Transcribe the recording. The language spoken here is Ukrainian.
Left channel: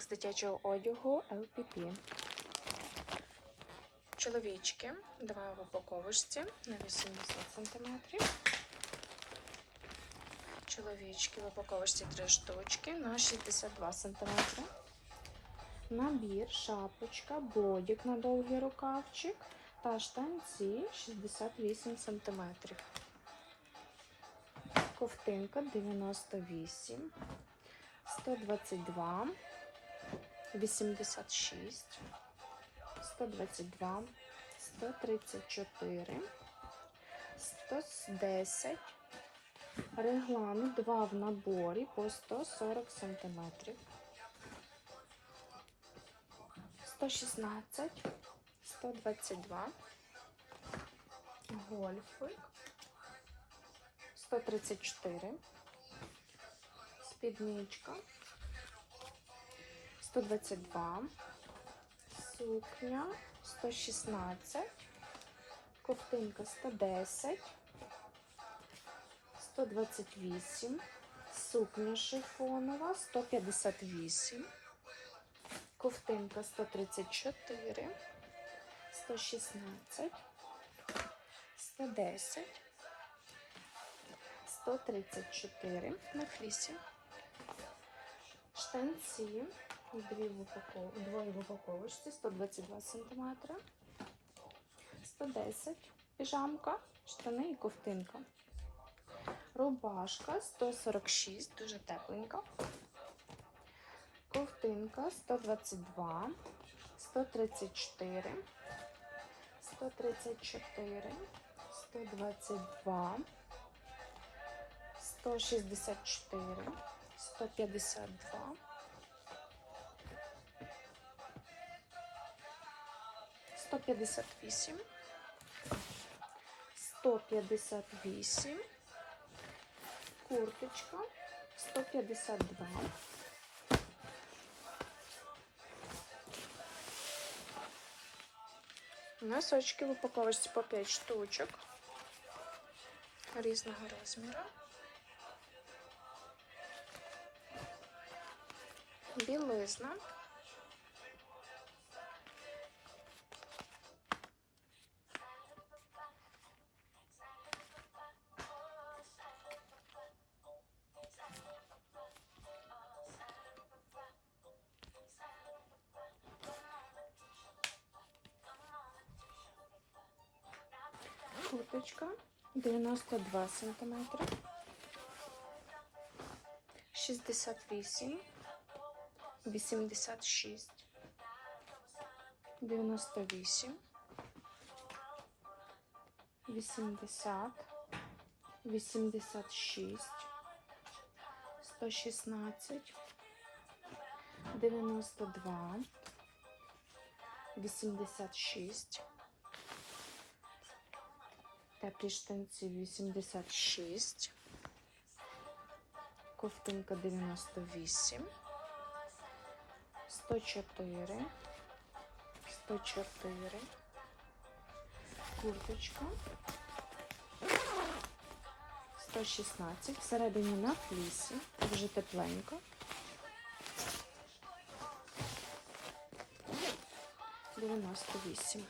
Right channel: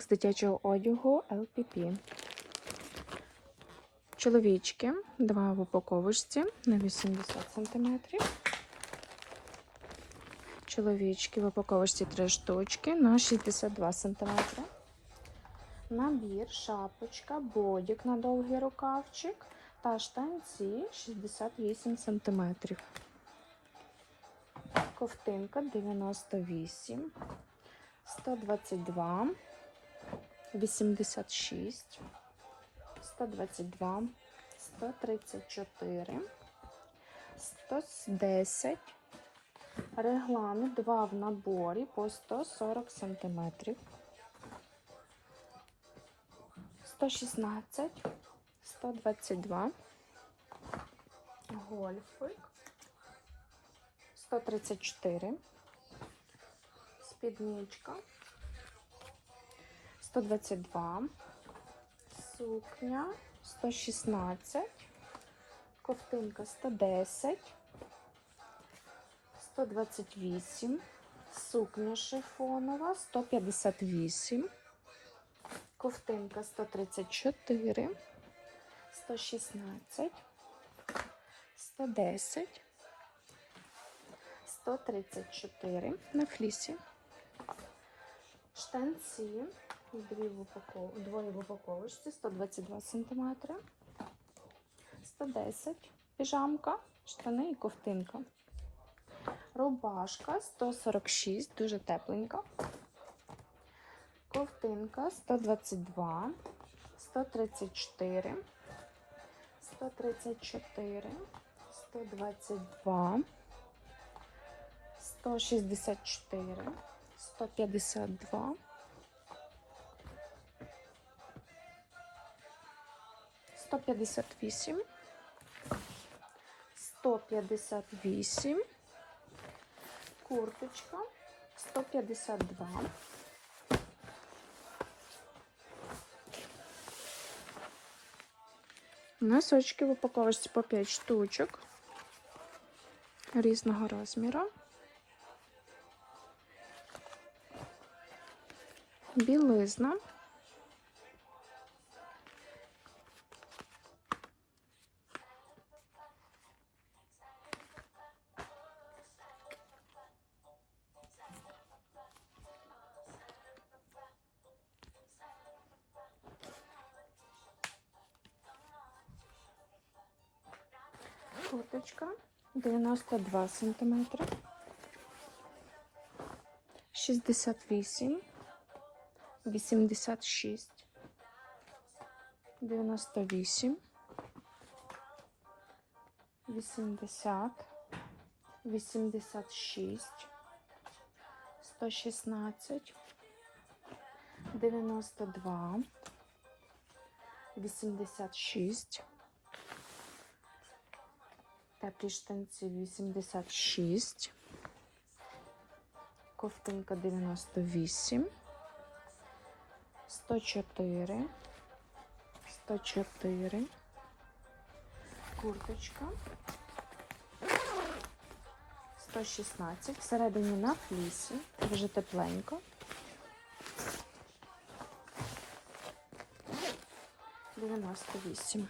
з дитячого одягу LPP. Чоловічки, два в упаковочці на 80 см. Чоловічки в упаковочці три штучки на 62 см. Набір, шапочка, бодік на довгий рукавчик та штанці 68 см. Ковтинка 98, 122, 86, 122, 134, 110. Регламент 2 в наборі по 140 см. 116, 122, гольфик, 134, спідничка, 122, сукня, 116, ковтинка 110, 128, сукня шифонова, 158, ковтинка 134, 116, 110, 134 на флісі. Штанці, дві в упаков... двоє в упаковочці, 122 см, 110 піжамка, штани і ковтинка. Рубашка 146, дуже тепленька. Ковтинка 122, 134, 134, 122, 164, 152, 158, 158, курточка 152. Носочки в упаковочці по 5 штучок різного розміру. Білизна. Курточка 92 см, 68, 86, 98, 80, 86, 116, 92, 86, Теплі штанці 86, ковтинка 98, 104, 104, курточка. 116, всередині на флісі, дуже тепленько. Дев'яносто вісім.